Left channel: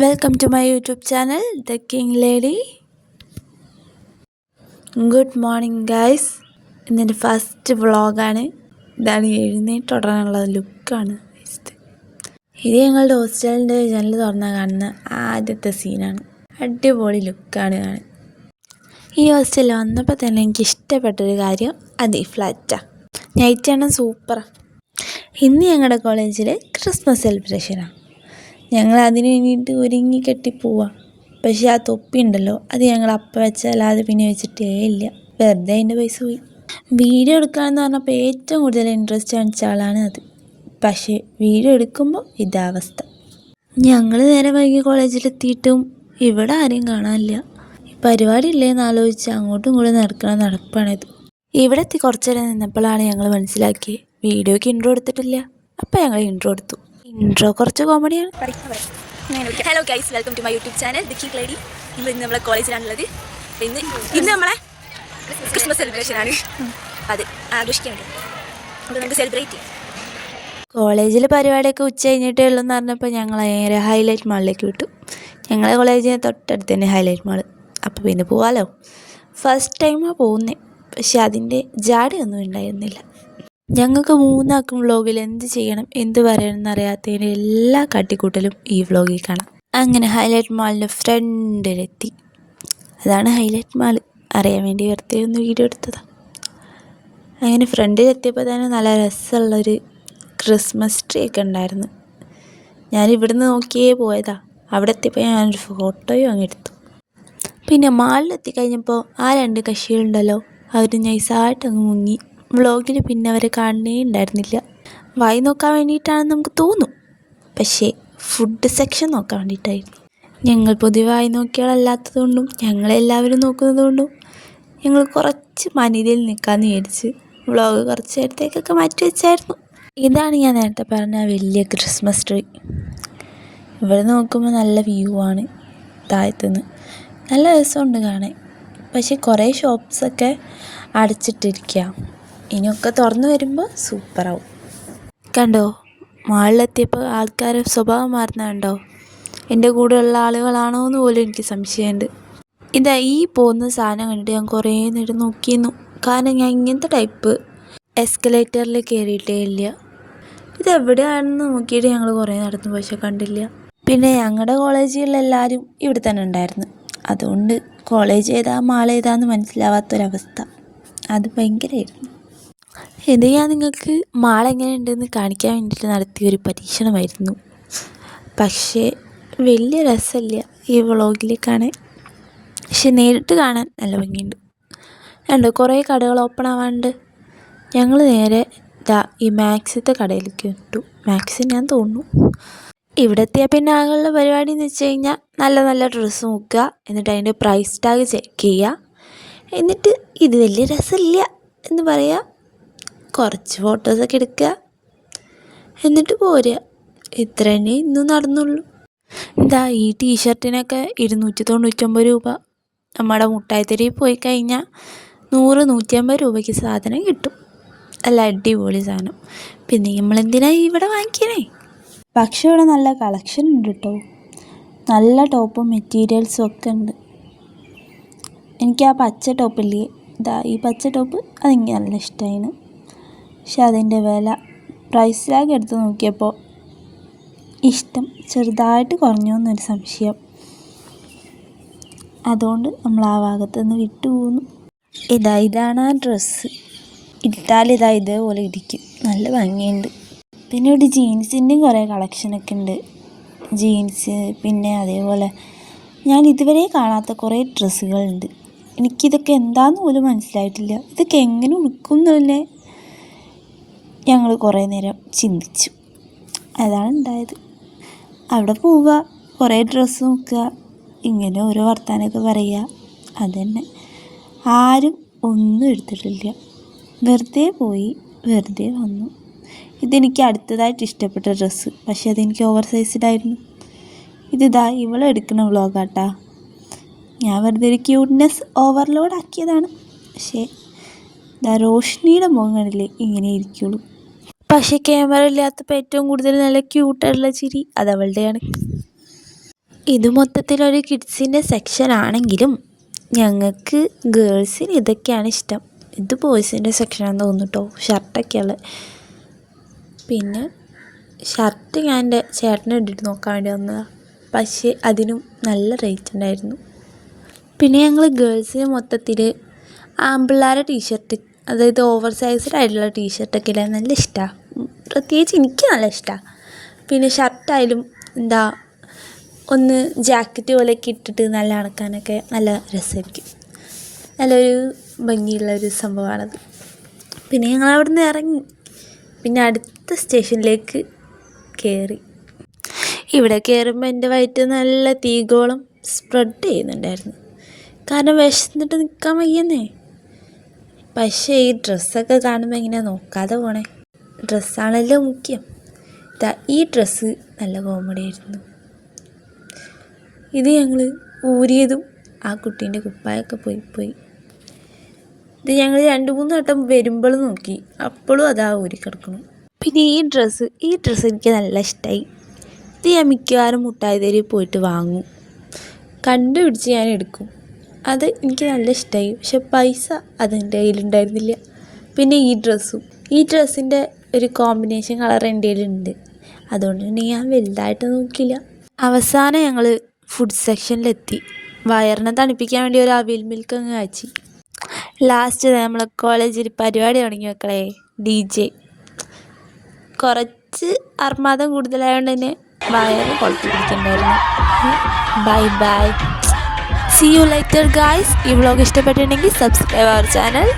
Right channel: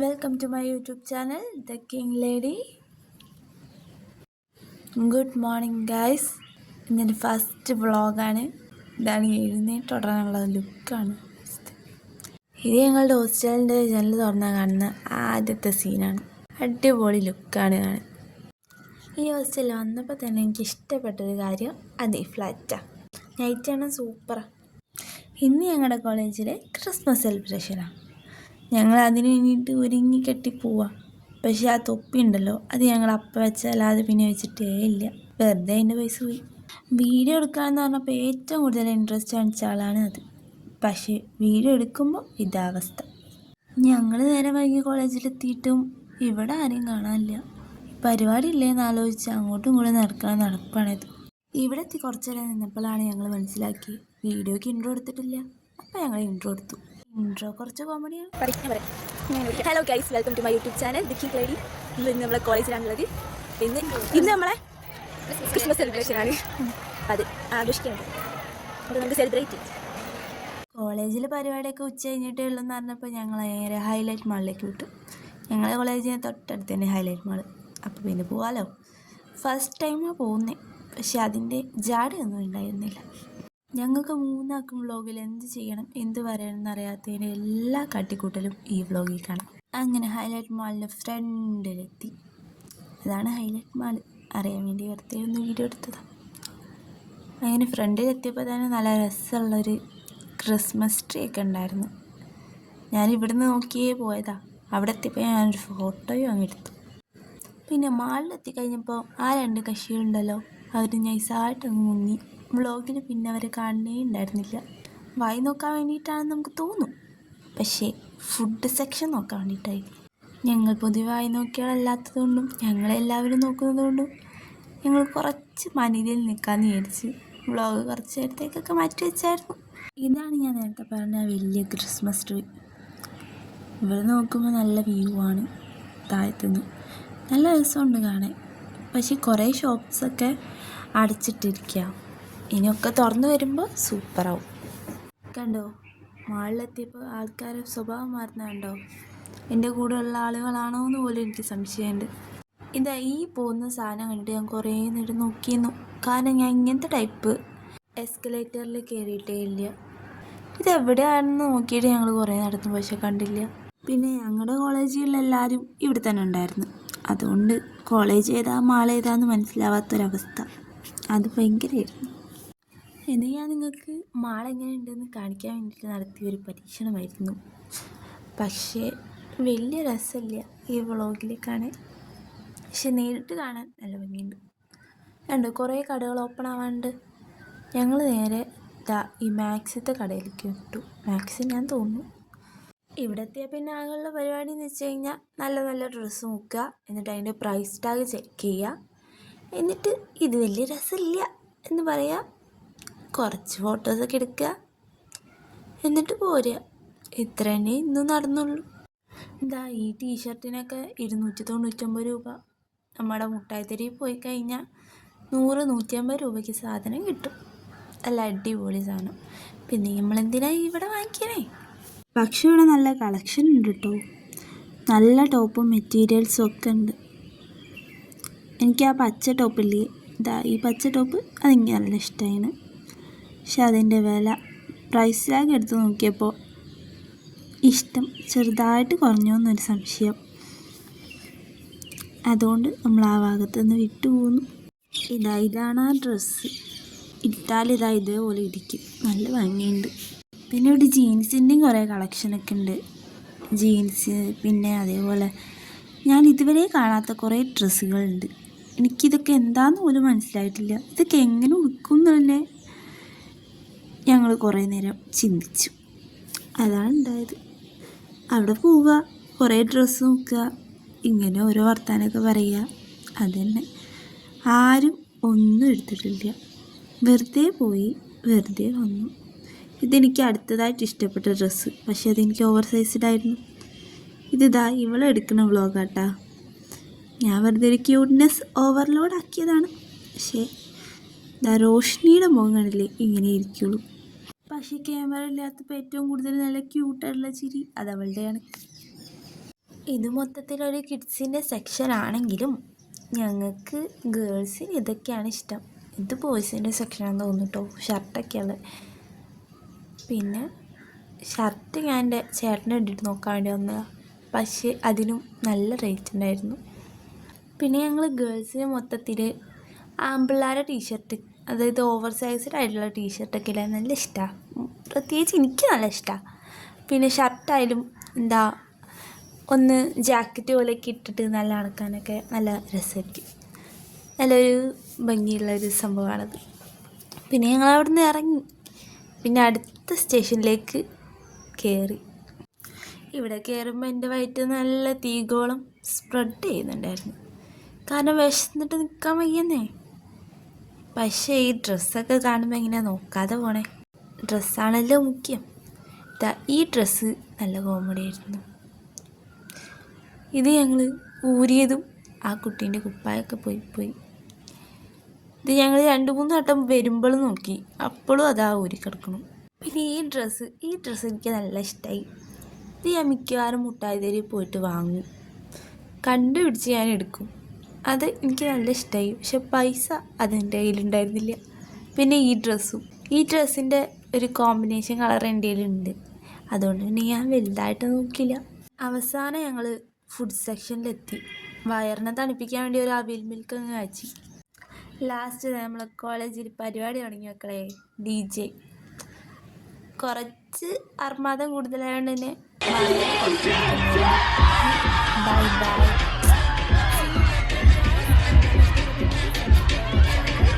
Welcome to my YouTube channel the king lady. Good morning guys. ഇന്നെൻ്റെ first വ്ളോഗാണ്. ഇതാണ് എഴുന്നേറ്റുടനുള്ള ലുക്കാണ്. ഇത് ഞങ്ങളുടെ ഹോസ്റ്റലിൻ്റെ ജനൽ തുറന്നാൽ കാണുന്ന ആദ്യത്തെ സീനാണ്. അടിപൊളി ലുക്കാണ് കാണാൻ. ഈ ഹോസ്റ്റലിൽ വന്നപ്പോൾ തന്നെ എനിക്ക് ഇഷ്ടപ്പെട്ടൊരു കാര്യം അത് ഈ ഫ്ലാറ്റാണ്. നൈറ്റാണ് സൂപ്പറാണ്. ഇന്ന് ഞങ്ങളുടെ കോളേജിൽ ക്രിസ്മസ് സെലിബ്രേഷനാണ്. ഞങ്ങൾ അതിന് വേണ്ടിയിട്ട് ഒരുങ്ങി കെട്ടി പോവാം. പക്ഷേ ആ തൊപ്പി ഉണ്ടല്ലോ, അത് ഞങ്ങൾ അപ്പം വെച്ചല്ലാതെ പിന്നെ വെച്ചിട്ടേ ഇല്ല. വെറുതെ അതിൻ്റെ പൈസ പോയി. വീഡിയോ എടുക്കുകയെന്ന് പറഞ്ഞപ്പോൾ ഏറ്റവും കൂടുതൽ ഇൻട്രസ്റ്റ് കാണിച്ച ആളാണ് അത്. പക്ഷേ വീഡിയോ എടുക്കുമ്പോൾ ഇതാ അവസ്ഥ. ഞങ്ങൾ നേരെ വൈകി കോളേജിലെത്തിയിട്ടും ഇവിടെ ആരെയും കാണാനില്ല. ഈ പരിപാടി ഇല്ലേന്ന് ആലോചിച്ച് അങ്ങോട്ടും ഇങ്ങോട്ടും നടക്കണ നടപ്പാണിത്. ഇവിടെ എത്തി കുറച്ചു നേരം നിന്നപ്പോഴാണ് ഞങ്ങൾ മനസ്സിലാക്കിയത് വീഡിയോയ്ക്ക് ഇൻട്രോ എടുത്തിട്ടില്ല. അപ്പം ഞങ്ങൾ ഇൻട്രോ എടുത്തു. ഇൻട്രോ കുറച്ച് കോമഡിയാണ്. Hello guys, welcome to my YouTube channel the king lady. ഇന്ന് നമ്മളെ കോളേജിലാണുള്ളത്. ഇന്ന് നമ്മളെ ക്രിസ്മസ് സെലിബ്രേഷൻ ആണ്. അത് ആഘോഷിക്കുന്നുണ്ട്. നമുക്ക് സെലിബ്രേറ്റ് ചെയ്യാം. കോളേജിൽ പരിപാടിയൊക്കെ ഉച്ച കഴിഞ്ഞിട്ടേ ഉള്ളൂ എന്ന് പറഞ്ഞപ്പോൾ ഞങ്ങൾ നേരെ ഹൈലൈറ്റ് മാളിലേക്ക് വിട്ടു. ഞങ്ങളെ കോളേജിന് തൊട്ടടുത്ത് തന്നെ ഹൈലൈറ്റ് മാൾ. അപ്പോൾ പിന്നെ പോവാമല്ലോ. ഫസ്റ്റ് ടൈമാണ് പോകുന്നത്. പക്ഷെ അതിൻ്റെ ജാടയൊന്നും ഉണ്ടായിരുന്നില്ല. ഞങ്ങൾക്ക് മൂന്നാക്കും വ്ളോഗിൽ എന്ത് ചെയ്യണം എന്ത് പറയണം എന്നറിയാത്തതിൻ്റെ എല്ലാ കാട്ടിക്കൂട്ടലും ഈ വ്ളോഗിൽ കാണാം. അങ്ങനെ ഹൈലൈറ്റ് മാളിൻ്റെ ഫ്രണ്ടിലെത്തി. അതാണ് ഹൈലൈറ്റ് മാൾ. അറിയാൻ വേണ്ടി വെറുതെ ഒന്ന് വീഡിയോ എടുത്തതാണ്. അങ്ങനെ ഫ്രണ്ടിലെത്തിയപ്പോൾ തന്നെ നല്ല രസമുള്ളൊരു ക്രിസ്മസ് ട്രീ ഒക്കെ ഉണ്ടായിരുന്നു. ഞാൻ ഇവിടുന്ന് നോക്കിയേ പോയതാണ്. അവിടെ എത്തിയപ്പോൾ ഞാനൊരു ഫോട്ടോയും അങ്ങ് എടുത്തു. പിന്നെ മാളിലെത്തി കഴിഞ്ഞപ്പോൾ ആ രണ്ട് കക്ഷികളുണ്ടല്ലോ, അവർ നൈസായിട്ട് അങ്ങ് മുങ്ങി. വ്ളോഗിൽ പിന്നെ അവരെ കാണണേ ഉണ്ടായിരുന്നില്ല. വായി നോക്കാൻ വേണ്ടിയിട്ടാണെന്ന് നമുക്ക് തോന്നും, പക്ഷേ ഫുഡ് സെക്ഷൻ നോക്കാൻ വേണ്ടിയിട്ടായിരുന്നു. ഞങ്ങൾ പൊതുവെ വായി നോക്കിയാളല്ലാത്തതുകൊണ്ടും ഞങ്ങളെല്ലാവരും നോക്കുന്നതുകൊണ്ടും ഞങ്ങൾ കുറച്ച് മനിതയിൽ നിൽക്കാമെന്ന് വിചാരിച്ച് വ്ളോഗ് കുറച്ച് നേരത്തേക്കൊക്കെ മാറ്റി വെച്ചായിരുന്നു. ഇതാണ് ഞാൻ നേരത്തെ പറഞ്ഞ വലിയ ക്രിസ്മസ് ട്രീ. ഇവിടെ നോക്കുമ്പോൾ നല്ല വ്യൂ ആണ് താഴത്തുനിന്ന്. നല്ല രസമുണ്ട് കാണാൻ. പക്ഷേ കുറേ ഷോപ്സൊക്കെ അടച്ചിട്ടിരിക്കുക. ഇനിയൊക്കെ തുറന്നു വരുമ്പോൾ സൂപ്പറാവും. കണ്ടോ, മാളിലെത്തിയപ്പോൾ ആൾക്കാരെ സ്വഭാവം മാറുന്നുണ്ടോ? എൻ്റെ കൂടെയുള്ള ആളുകളാണോ എന്ന് പോലും എനിക്ക് സംശയമുണ്ട്. ഇതാ ഈ പോകുന്ന സാധനം കണ്ടിട്ട് ഞാൻ കുറേ നേരം നോക്കിയിരുന്നു. കാരണം ഞാൻ ഇങ്ങനത്തെ ടൈപ്പ് എസ്കലേറ്ററിൽ കയറിയിട്ടേ ഇല്ല. ഇതെവിടെയാണെന്ന് നോക്കിയിട്ട് ഞങ്ങൾ കുറേ നടന്നു, പക്ഷെ കണ്ടില്ല. പിന്നെ ഞങ്ങളുടെ കോളേജിലെല്ലാവരും ഇവിടെ തന്നെ ഉണ്ടായിരുന്നു. അതുകൊണ്ട് കോളേജ് ഏതാ മാൾ ഏതാന്ന് മനസ്സിലാവാത്തൊരവസ്ഥ. അത് ഭയങ്കരമായിരുന്നു. ഇത് ഞാൻ നിങ്ങൾക്ക് മാൾ എങ്ങനെയുണ്ടെന്ന് കാണിക്കാൻ വേണ്ടിയിട്ട് നടത്തിയൊരു പരീക്ഷണമായിരുന്നു. പക്ഷേ വലിയ രസമില്ല ഈ വ്ളോഗിൽ കാണാൻ. പക്ഷെ നേരിട്ട് കാണാൻ നല്ല ഭംഗിയുണ്ട്. കണ്ടോ, കുറേ കടകൾ ഓപ്പൺ ആവാണ്ട്. ഞങ്ങൾ നേരെ ഈ മാക്സിത്തെ കടയിലേക്ക് വിട്ടു. മാക്സി ഞാൻ തോന്നുന്നു. ഇവിടെ എത്തിയാൽ പിന്നെ ആകെയുള്ള പരിപാടി എന്ന് വെച്ച് കഴിഞ്ഞാൽ നല്ല നല്ല ഡ്രസ്സ് നോക്കുക, എന്നിട്ട് അതിൻ്റെ പ്രൈസ് ടാഗ് ചെക്ക് ചെയ്യുക, എന്നിട്ട് ഇത് വലിയ രസമില്ല എന്ന് പറയുക, കുറച്ച് ഫോട്ടോസൊക്കെ എടുക്കുക, എന്നിട്ട് പോരുക. ഇത്ര തന്നെ ഇന്നും നടന്നുള്ളൂ. ഈ ടീഷർട്ടിനൊക്കെ 299 രൂപ. നമ്മുടെ മുട്ടായിത്തെരുവിൽ പോയി കഴിഞ്ഞാൽ 100-150 രൂപയ്ക്ക് സാധനം കിട്ടും. നല്ല അടിപൊളി സാധനം. പിന്നെ നമ്മളെന്തിനാണ് ഇവിടെ വാങ്ങിക്കണേ? പക്ഷേ ഇവിടെ നല്ല കളക്ഷൻ ഉണ്ട് കേട്ടോ. നല്ല ടോപ്പും മെറ്റീരിയൽസും ഒക്കെ ഉണ്ട്. എനിക്ക് ആ പച്ച ടോപ്പില്ലേ, ഈ പച്ച ടോപ്പ് അതെനിക്ക് നല്ല ഇഷ്ടമായിന്. പക്ഷെ അതിൻ്റെ വില പ്രൈസ് ടാഗ് എടുത്ത് നോക്കിയപ്പോൾ ഇഷ്ടം ചെറുതായിട്ട് കുറഞ്ഞു എന്നൊരു സംശയം. അതുകൊണ്ട് നമ്മൾ ആ ഭാഗത്തുനിന്ന് വിട്ടു പോകുന്നു. ഇതാണ് ആ ഡ്രസ്സ്. ഇട്ടാൽ ഇതേപോലെ ഇരിക്കും. നല്ല ഭംഗിയുണ്ട്. പിന്നെ ഇവിടെ ജീൻസിൻ്റെയും കുറേ കളക്ഷനൊക്കെ ഉണ്ട്. ജീൻസ്, പിന്നെ അതേപോലെ ഞാൻ ഇതുവരെ കാണാത്ത കുറേ ഡ്രസ്സുകളുണ്ട്. എനിക്കിതൊക്കെ എന്താണെന്ന് പോലും മനസ്സിലായിട്ടില്ല. ഇതൊക്കെ എങ്ങനെ ഉടുക്കും എന്നല്ലേ ഞങ്ങൾ കുറേ നേരം ചിന്തിച്ചു. അതാണ് ഉണ്ടായത്. അവിടെ പോവുക, കുറേ ഡ്രസ്സ് നോക്കുക, ഇങ്ങനെ ഓരോ വർത്താനമൊക്കെ പറയുക. അതുതന്നെ. ആരും ഒന്നും എടുത്തിട്ടില്ല. വെറുതെ പോയി വെറുതെ വന്നു. ഇതെനിക്ക് അടുത്തതായിട്ട് ഇഷ്ടപ്പെട്ട ഡ്രസ്സ്, പക്ഷേ അതെനിക്ക് ഓവർ സൈസ്ഡായിരുന്നു. ഇവളെടുക്കുന്ന വ്ളോഗാട്ടാ. ഞാൻ വെറുതെ ഒരു ക്യൂട്ട്നെസ് ഓവർലോഡ് ആക്കിയതാണ്. പക്ഷേ റോഷ്നിയുടെ മുഖങ്ങളിലേ ഇങ്ങനെ ഇരിക്കുള്ളൂ. പക്ഷേ ക്യാമറ ഇല്ലാത്തപ്പോൾ ഏറ്റവും കൂടുതൽ നല്ല ക്യൂട്ടായിട്ടുള്ള ചിരി അതവളുടെയാണ്. ഇത് മൊത്തത്തിലൊരു കിഡ്സിൻ്റെ സെക്ഷൻ ആണെങ്കിലും ഞങ്ങൾക്ക് ഗേൾസിന് ഇതൊക്കെയാണ് ഇഷ്ടം. ഇത് ബോയ്സിൻ്റെ സെക്ഷനാണെന്ന് തോന്നുന്നു കേട്ടോ, ഷർട്ടൊക്കെയുള്ളത്. പിന്നെ ഷർട്ട് ഞാൻ എൻ്റെ ചേട്ടനെ ഇട്ടിട്ട് നോക്കാൻ വേണ്ടി വന്നതാണ്, പക്ഷേ അതിനും നല്ല റേറ്റ് ഉണ്ടായിരുന്നു. പിന്നെ ഞങ്ങൾ ഗേൾസിന് മൊത്തത്തിൽ ആൺപിള്ളേരുടെ ടീഷർട്ട്, അതായത് ഓവർ സൈസ്ഡ് ആയിട്ടുള്ള ടീഷർട്ടൊക്കെ ഇടാൻ നല്ല ഇഷ്ടമാണ്. പ്രത്യേകിച്ച് എനിക്ക് നല്ല ഇഷ്ടമാണ്. പിന്നെ ഷർട്ടായാലും എന്താ ഒന്ന് ജാക്കറ്റ് പോലെയൊക്കെ ഇട്ടിട്ട് നല്ല നടക്കാനൊക്കെ നല്ല രസമായിരിക്കും. നല്ലൊരു ഭംഗിയുള്ളൊരു സംഭവമാണത്. പിന്നെ ഞങ്ങൾ അവിടെ നിന്ന് ഇറങ്ങി പിന്നെ അടുത്ത സ്റ്റേഷനിലേക്ക് കയറി. ഇവിടെ കയറുമ്പോൾ എൻ്റെ വയറ്റ് നല്ല തീഗോളം സ്പ്രെഡ് ചെയ്യുന്നുണ്ടായിരുന്നു, കാരണം വിശന്നിട്ട് നിൽക്കാൻ വയ്യെന്നേ. പക്ഷേ ഈ ഡ്രസ്സൊക്കെ കാണുമ്പോൾ എങ്ങനെയാ നോക്കാതെ പോണേ, ഡ്രസ്സാണല്ലോ മുഖ്യം. ഈ ഡ്രസ്സ് നല്ല കോമഡി ആയിരുന്നു. ഇത് ഞങ്ങൾ ഊരിയതും ആ കുട്ടീൻ്റെ കുപ്പായൊക്കെ പോയി. ഇത് ഞങ്ങൾ 2-3 വട്ടം വരുമ്പോഴും നോക്കി, അപ്പോഴും അതാ ഊരി കിടക്കണം. പിന്നെ ഈ ഡ്രസ്സ് എനിക്ക് നല്ല ഇഷ്ടമായി. ഇത് ഞാൻ മിക്കവാറും മുട്ടായി തെരുവിൽ പോയിട്ട് വാങ്ങും, കണ്ടുപിടിച്ച് ഞാൻ എടുക്കും. അത് എനിക്ക് നല്ല ഇഷ്ടമായി. പക്ഷെ പൈസ അതെൻ്റെ കയ്യിലുണ്ടായിരുന്നില്ല. പിന്നെ ഈ ഡ്രസ്സിൻ്റെ ഒരു കോമ്പിനേഷൻ കളർ എൻ്റെ കയ്യിലുണ്ട്, അതുകൊണ്ട് തന്നെ ഞാൻ വലുതായിട്ട് നോക്കിയില്ല. അവസാനം ഞങ്ങൾ ഫുഡ് സെക്ഷനിലെത്തി. വയറിനെ തണുപ്പിക്കാൻ വേണ്ടി ഒരു അവിൽ മിൽക്ക് അങ്ങ് കാച്ചി. ലാസ്റ്റ് നമ്മളെ കോളേജിൽ പരിപാടി തുടങ്ങി മക്കളെ, DJ. കുറച്ച് അർമാദം കൂടുതലായതുകൊണ്ട് തന്നെ വയറ് കൊടുത്തു പിടിക്കണ്ടായിരുന്നു. Bye. See you later guys. ഈ വ്ളോഗ് ഇഷ്ടപ്പെട്ടിട്ടുണ്ടെങ്കിൽ സബ്സ്ക്രൈബ് അവർ ചാനൽ.